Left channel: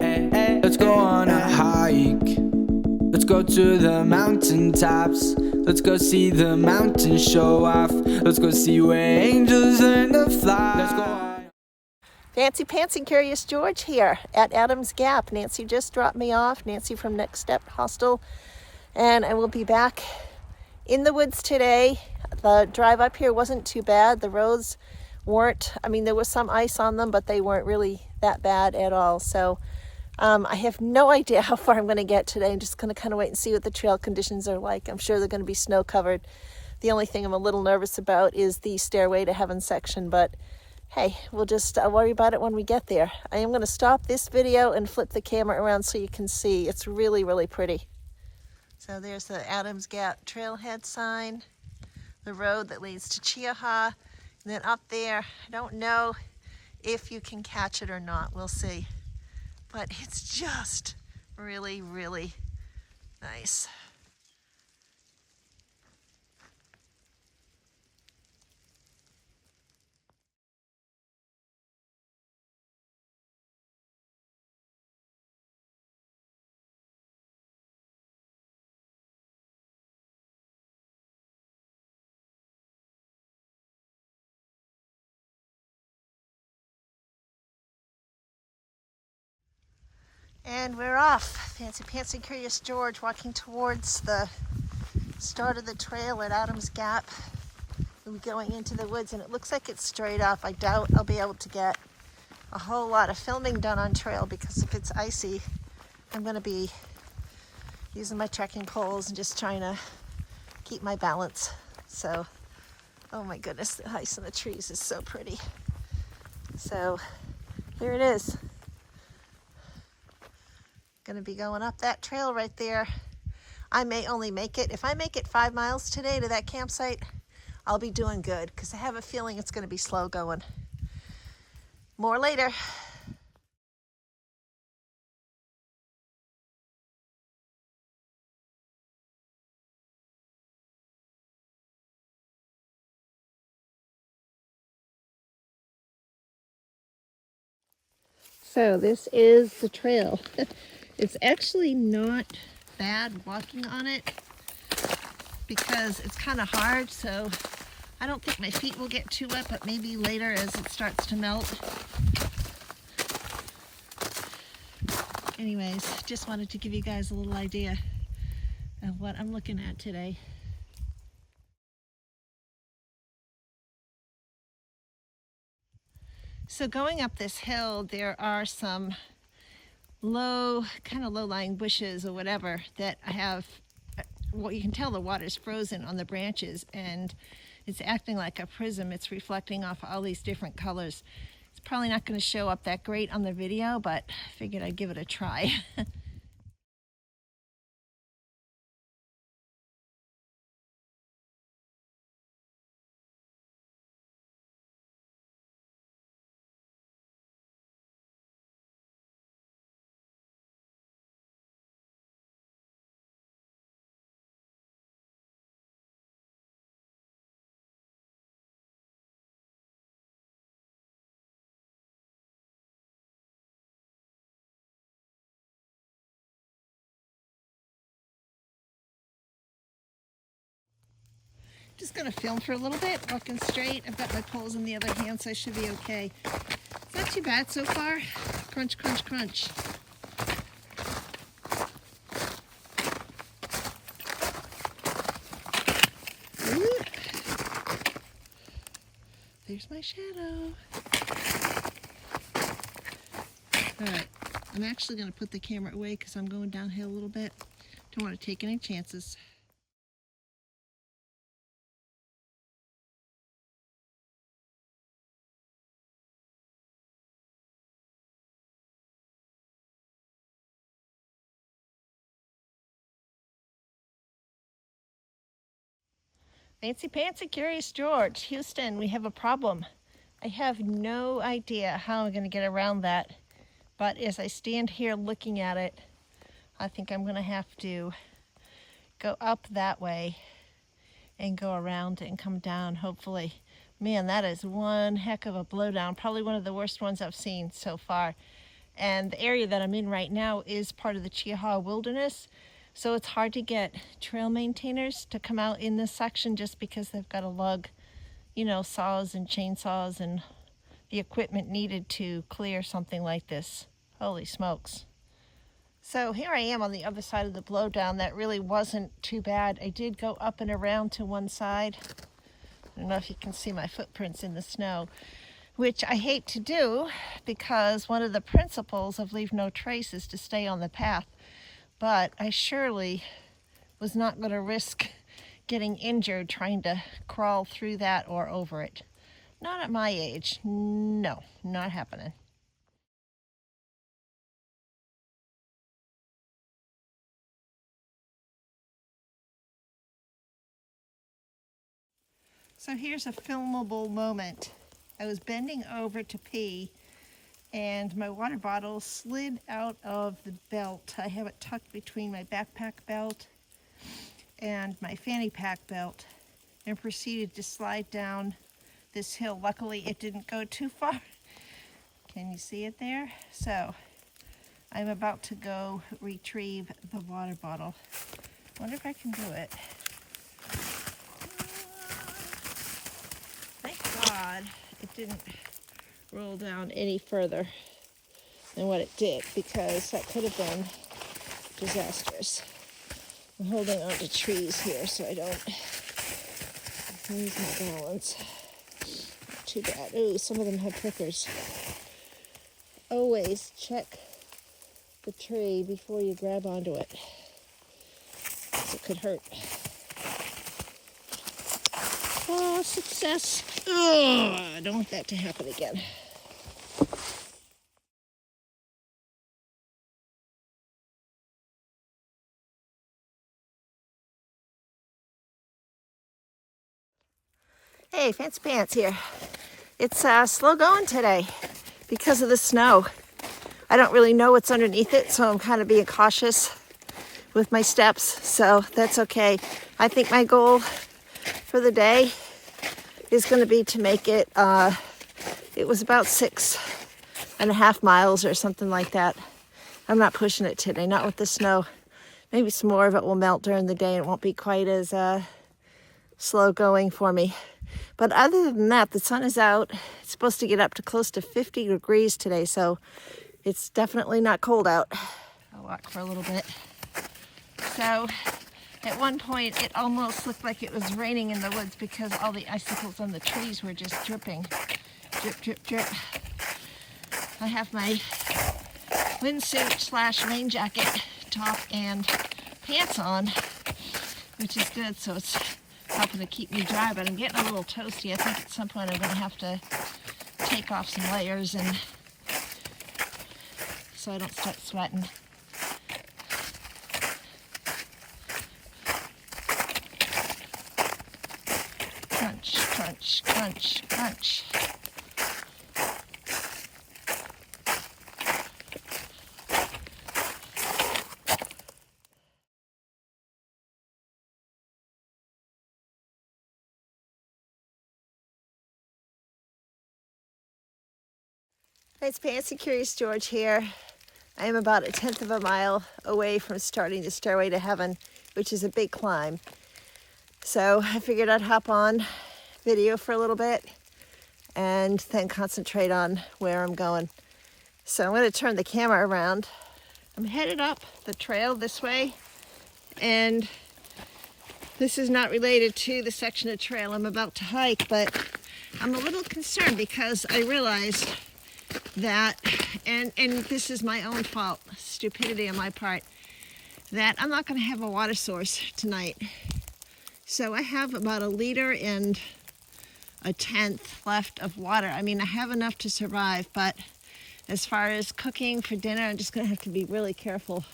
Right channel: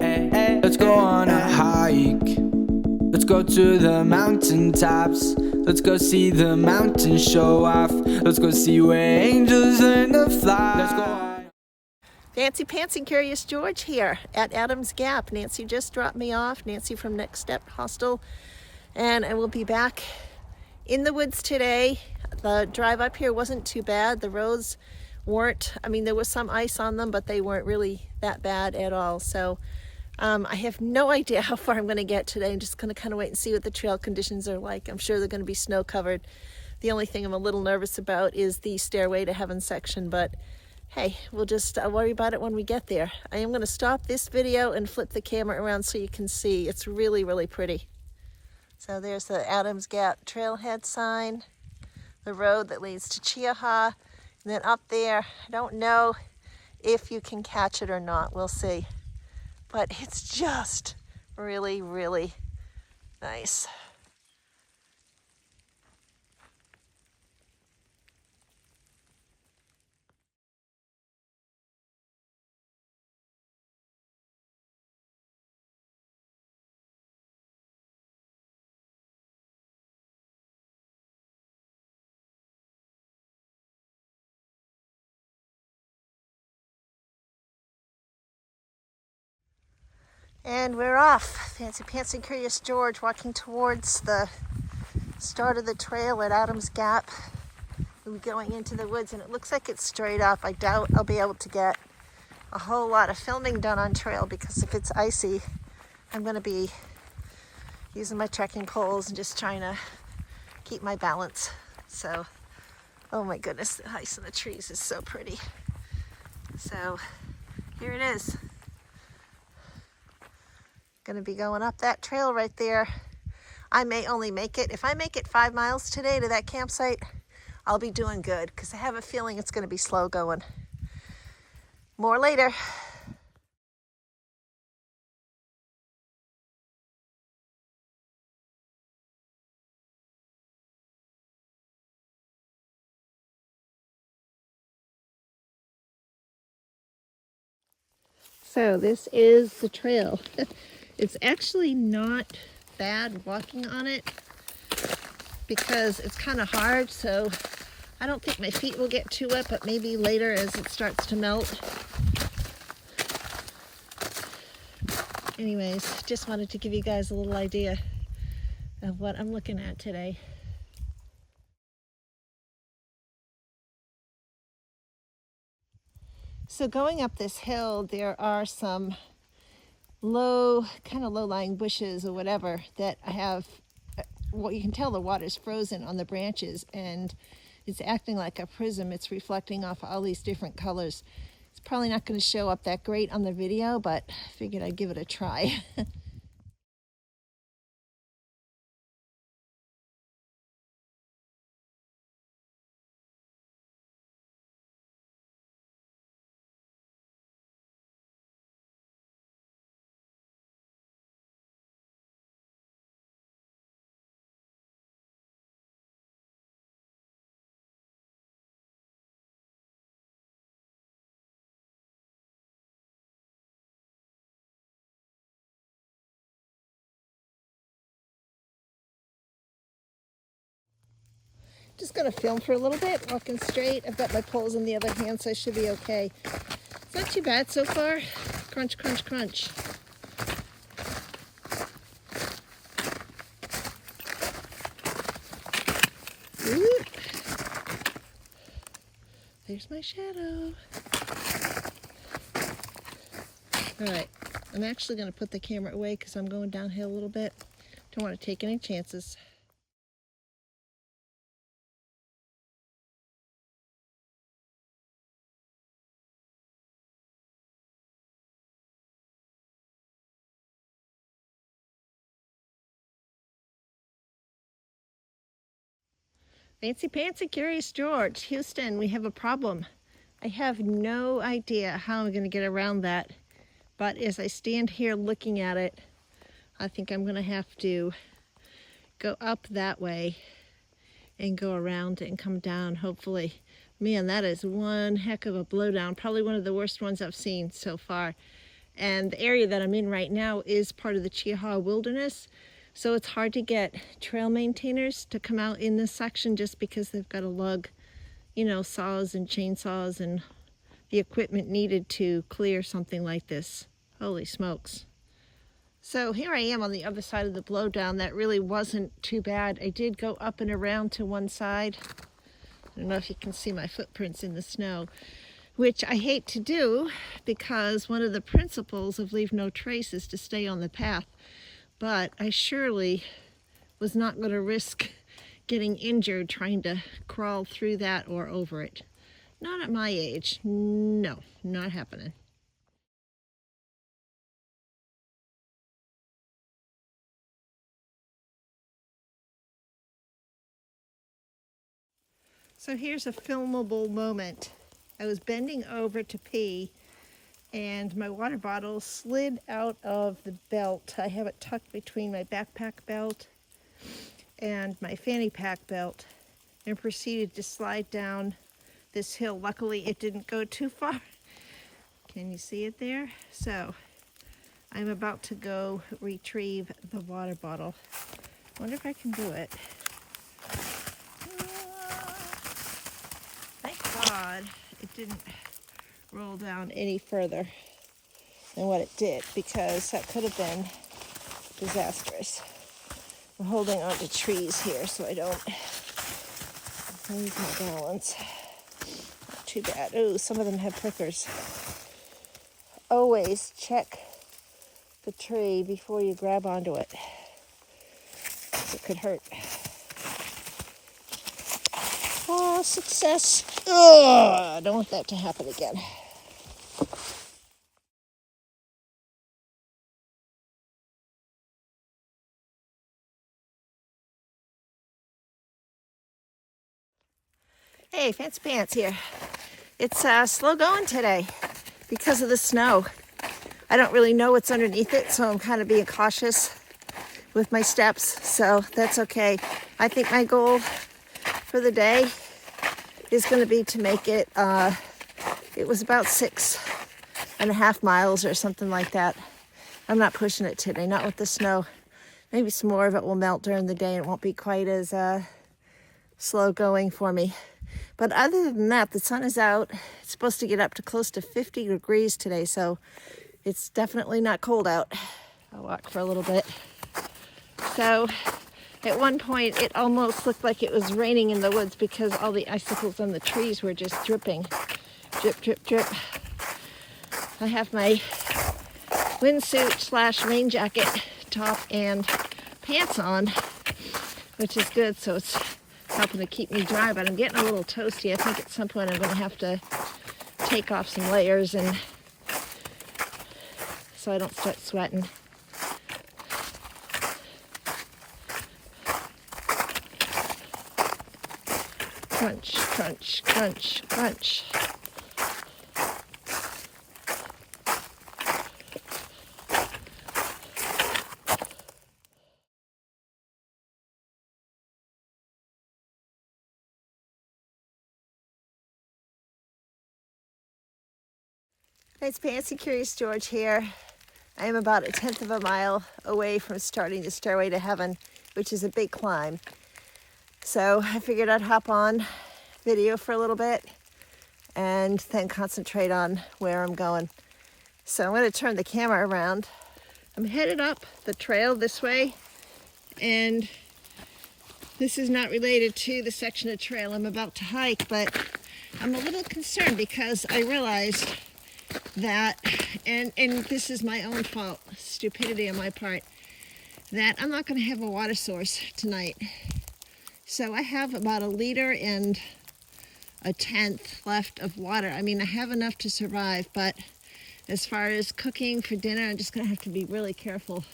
Let's go on a hike. Let's go to the mountaintops. Let's go see the mountains show off. Let's go see where angels learn to fly. Let's go on. Fancy Pants and Curious George here at Adams Gap. Nancy just dropped me off, Nancy from Next Step Hostel, and I will be back in the woods today. The drive up here wasn't too bad. The roads weren't, there was some ice on them, but they weren't really that bad at all. So I have no idea how far I'm going to get today. I'm just going to kind of wait and see what the trail conditions are like. I'm sure they're going to be snow covered. The only thing I'm a little nervous about is the Stairway to Heaven section, but hey, we'll just worry about it when we get there. I am going to stop this video and flip the camera around so you can see. It's really, really pretty. So there's the Adams Gap trailhead sign, the road that leads to Chiaha, and then up there, I don't know if you can catch it or not. We'll see. But it's just really, really nice. And we're off. Fancy Pants and Curious George walking towards the start of the trail at Adams Gap. We're going into the woods and it looks like it's straight up. I doubt I'll be able to get a whole lot of filming done on trail because if it's icy, I'm going to be using my trekking poles and just trying to keep my balance. So, oh my goodness, the ice in the trees is so pretty. So, here it is. Gonna be going up that trail right there. I may only make it, if I make it 5 miles today to that campsite, I'll be doing good because I have a feeling it's gonna be slow going. More later. So this is the trail. It's actually not bad walking on it because it's kind of hard, so I don't think my feet will get too wet, but maybe later as it starts to melt. Anyways, just wanted to give you guys a little idea of what I'm looking at today. So going up this hill, there are some kind of low-lying bushes or whatever that have, well, you can tell the water's frozen on the branches and it's acting like a prism. It's reflecting off all these different colors. It's probably not going to show up that great on the video, but I figured I'd give it a try. Just gonna film for a little bit, walking straight. I've got my poles in the other hand, so I should be okay. It's not too bad so far. Crunch, crunch, crunch. Oop. There's my shadow. All right, I'm actually gonna put the camera away because I'm going downhill a little bit. Don't want to take any chances. Fancy Pants and Curious George, Houston, we have a problem. I have no idea how I'm going to get around that, but as I stand here looking at it, I think I'm going to have to go up that way and go around and come down, hopefully. Man, that is one heck of a blowdown, probably one of the worst ones I've seen so far. And the area that I'm in right now is part of the Chihuahua Wilderness. So it's hard to get trail maintainers to come out in this section just because they've got to lug, you know, saws and chainsaws and the equipment needed to clear something like this. Holy smokes. So here I am on the other side of the blowdown. That really wasn't too bad. I did go up and around to one side. I don't know if you can see my footprints in the snow, which I hate to do because one of the principles of leave no trace is to stay on the path. But I surely was not going to risk getting injured trying to crawl through that or over it. Not at my age. No, not happening. So here's a filmable moment. I was bending over to pee and my water bottle slid out of the belt. I have it tucked between my backpack belt and my fanny pack belt and proceeded to slide down this hill. Luckily it didn't go too far. Can you see it there? So I'm about to go retrieve the water bottle. Wonder if I can do it. Thank God it didn't roll down any further than what it did, because that could have been disastrous. I'm holding on to trees here so I don't lose my balance. Not too bad. Ooh, some of them have prickers. Always check the tree before you grab onto it, because it could hurt. Oh, success. Oh, I don't want that to happen again. Hey, Fancy Pants here. It's slow going today because of the snow. I don't really know what's underneath it, so I'm kind of being cautious with my steps, so that's okay. I think my goal for the day is going to be to make it, it was about 6.5 miles or something like that. I'm not pushing it today, not with the snow. Maybe some more of it will melt during the day and it won't be quite as slow going for me. But other than that, the sun is out. It's supposed to get up to close to 50 degrees today, so it's definitely not cold out. I'll walk for a little bit. So at one point, it almost looked like it was raining in the woods because all the icicles on the trees were just dripping. Drip, drip, drip. I have my windsuit / rain jacket, top, and pants on, which is good, so it's helping to keep me dry, but I'm getting a little toasty. I think at some point I'm going to have to take off some layers and so I don't start sweating. Crunch, crunch, crunch, crunch. Nice Pants and Curious George here. I am about 1/10 of a mile away from starting the Stairway to Heaven, which is a big climb. So I figured I'd hop on video for a little bit and then concentrate on where I'm going. So I'm going to turn the camera around. I'm headed up the trail this way, and this is not related to the section of trail I'm about to hike, but I'm a little concerned because I realized that, and this is my own fault, stupidity on my part, that I'm not going to have a water source tonight. So I have about 1 liter and 1/10 left of water. I mean, I have enough to survive, but as far as cooking for dinner, I'm just going to have to be really careful.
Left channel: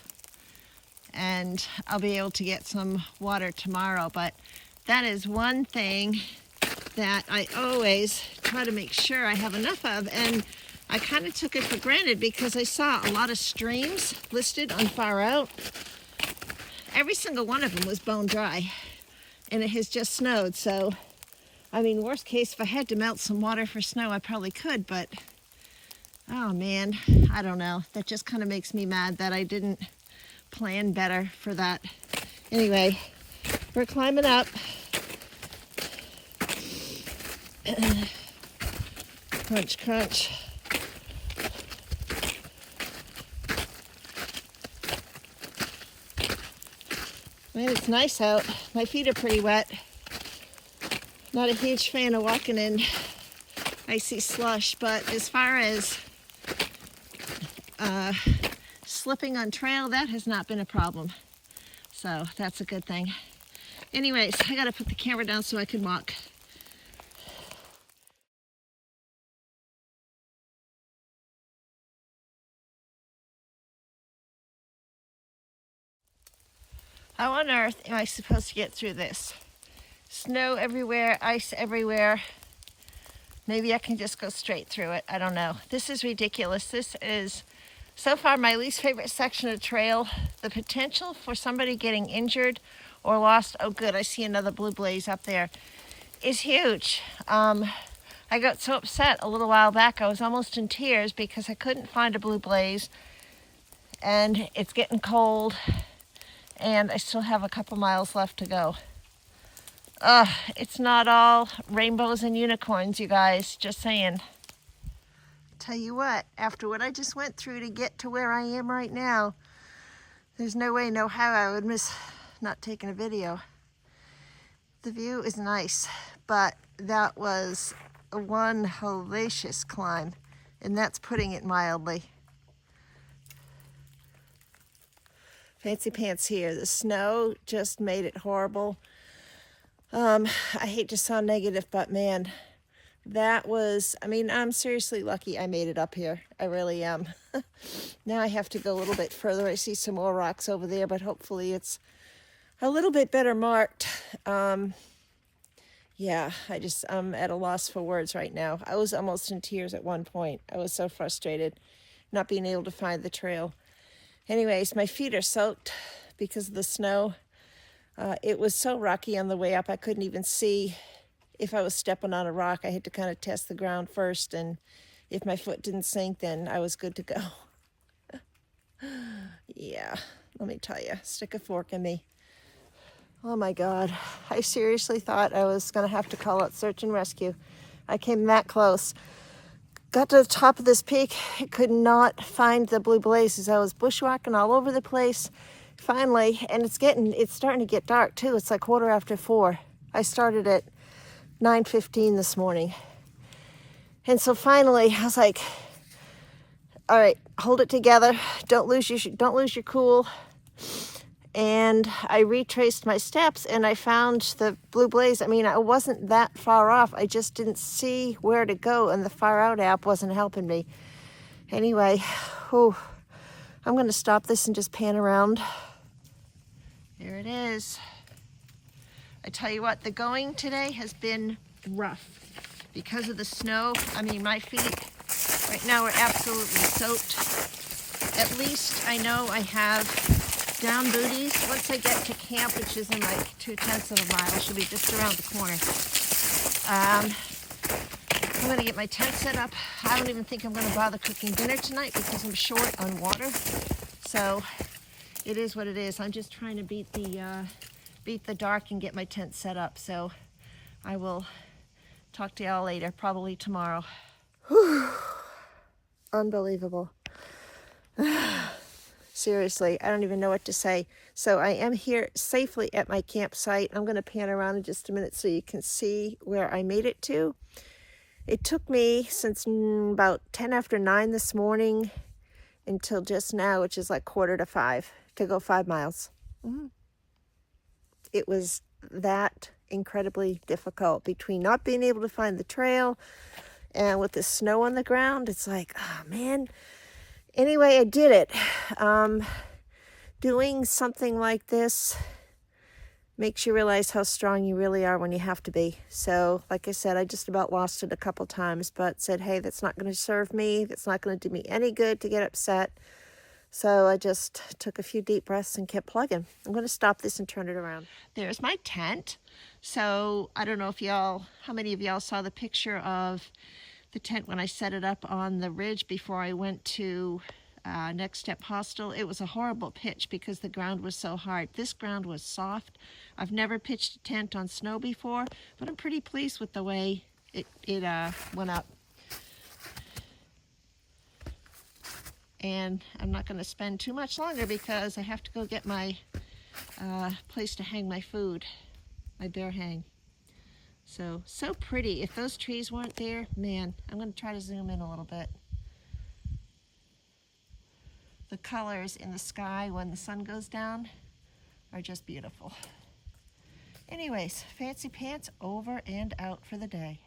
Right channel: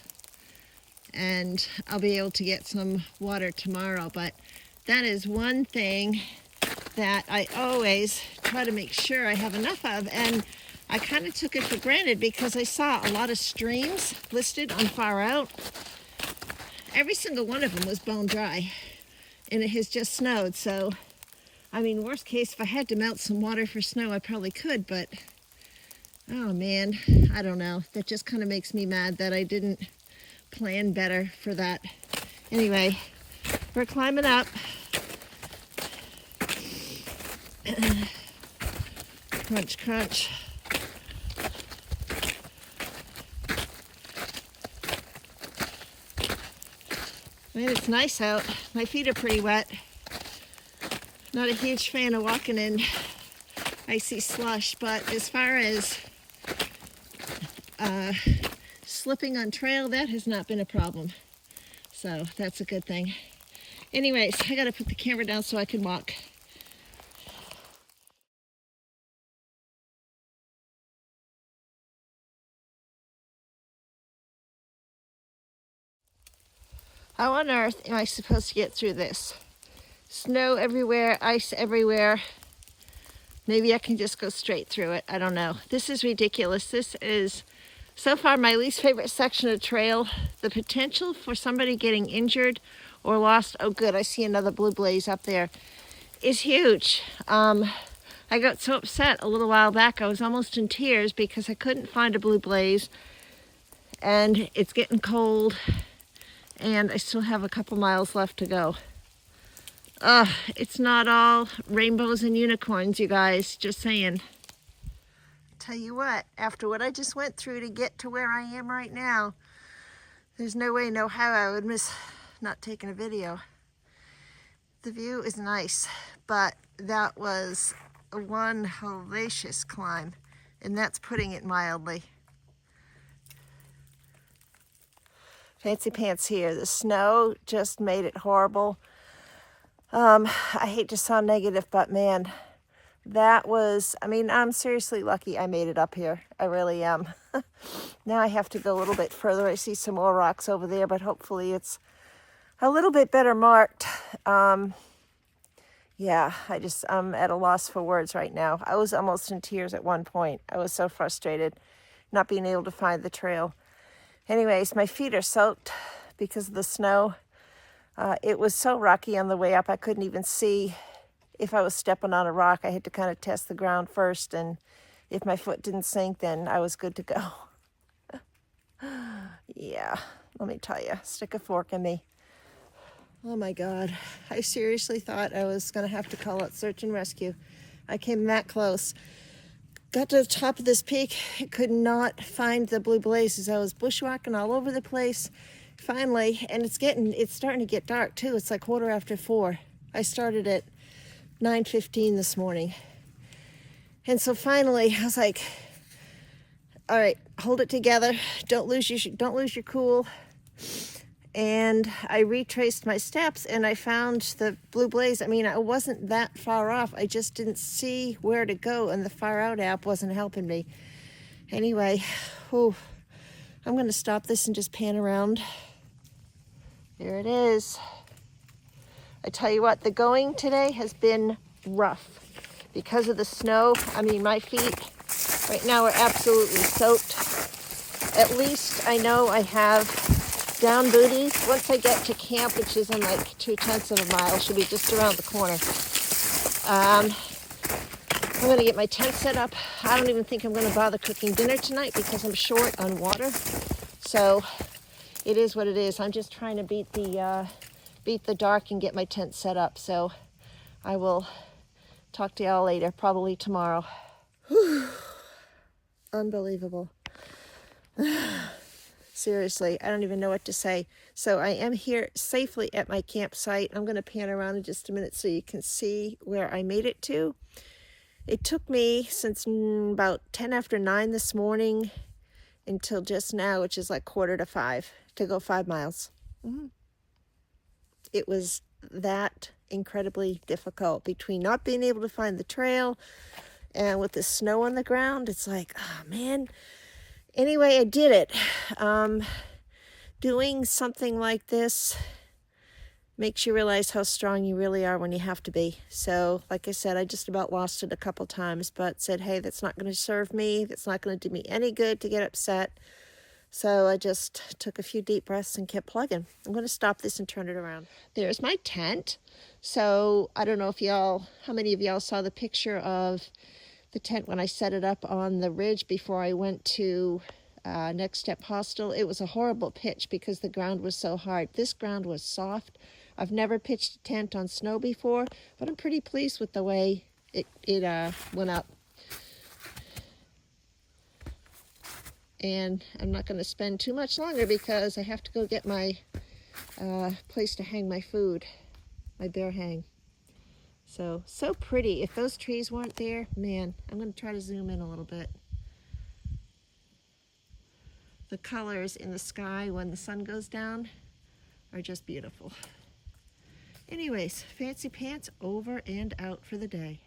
And I'll be able to get some water tomorrow, but that is one thing that I always try to make sure I have enough of. And I kind of took it for granted because I saw a lot of streams listed on Far Out. Every single one of them was bone dry, and it has just snowed. So, I mean, worst case, if I had to melt some water for snow, I probably could, but Oh man, I don't know. That just kind of makes me mad that I didn't plan better for that. Anyway, we're climbing up. Crunch, crunch. Man, it's nice out. My feet are pretty wet. Not a huge fan of walking in icy slush, but as far as slipping on trail, that has not been a problem. So that's a good thing. Anyways, I gotta put the camera down so I can walk. How on earth am I supposed to get through this? Snow everywhere, ice everywhere. Maybe I can just go straight through it. I don't know. This is ridiculous. This is so far my least favorite section of trail. The potential for somebody getting injured or lost, oh good, I see another blue blaze up there, is huge. I got so upset a little while back, I was almost in tears because I couldn't find a blue blaze, and it's getting cold, and I still have a couple miles left to go. It's not all rainbows and unicorns, you guys, just saying. Tell you what, after what I just went through to get to where I am right now, there's no way, no how I would miss not taking a video. The view is nice, but that was one hellacious climb, and that's putting it mildly. Fancy pants here. The snow just made it horrible. I hate to sound negative, but man, that was, I mean, I'm seriously lucky I made it up here. I really am. Now I have to go a little bit further. I see some more rocks over there, but hopefully it's a little bit better marked. Yeah, I'm at a loss for words right now. I was almost in tears at one point. I was so frustrated not being able to find the trail. Anyways, my feet are soaked because of the snow. It was so rocky on the way up, I couldn't even see if I was stepping on a rock. I had to kind of test the ground first, and if my foot didn't sink, then I was good to go. Yeah, let me tell you, stick a fork in me. Oh my God, I seriously thought I was gonna have to call out search and rescue. I came that close. Got to the top of this peak, I could not find the blue blazes. I was bushwhacking all over the place. Finally, and it's starting to get dark too. It's like 4:15. I started at 9:15 this morning. And so finally, I was like, all right, hold it together. Don't lose your cool. And I retraced my steps and I found the blue blaze. I mean, I wasn't that far off. I just didn't see where to go, and the Far Out app wasn't helping me. Anyway, I'm going to stop this and just pan around. Here it is. I tell you what, the going today has been rough because of the snow. I mean, my feet right now are absolutely soaked. At least I know I have down booties. Once I get to camp, which is in like 2/10 of a mile, I should be just around the corner. I'm going to get my tent set up. I don't even think I'm going to bother cooking dinner tonight because I'm short on water. So it is what it is. I'm just trying to beat the dark and get my tent set up. So I will talk to y'all later, probably tomorrow. Whew. Unbelievable. Seriously, I don't even know what to say. So I am here safely at my campsite. I'm going to pan around in just a minute so you can see where I made it to. It took me since about 9:10 this morning until just now, which is like 4:45, to go 5 miles. It was that incredibly difficult between not being able to find the trail and with the snow on the ground. It's like, oh man. Anyway, I did it. Doing something like this makes you realize how strong you really are when you have to be. So, like I said, I just about lost it a couple times, but said, hey, that's not going to serve me. That's not going to do me any good to get upset. So I just took a few deep breaths and kept plugging. I'm going to stop this and turn it around. There's my tent. So I don't know if how many of y'all saw the picture of the tent when I set it up on the ridge before I went to Next Step Hostel. It was a horrible pitch because the ground was so hard. This ground was soft. I've never pitched a tent on snow before, but I'm pretty pleased with the way it went up. And I'm not going to spend too much longer because I have to go get my place to hang my food, my bear hang. So pretty. If those trees weren't there, man, I'm going to try to zoom in a little bit. The colors in the sky when the sun goes down are just beautiful. Anyways, Fancy Pants over and out for the day.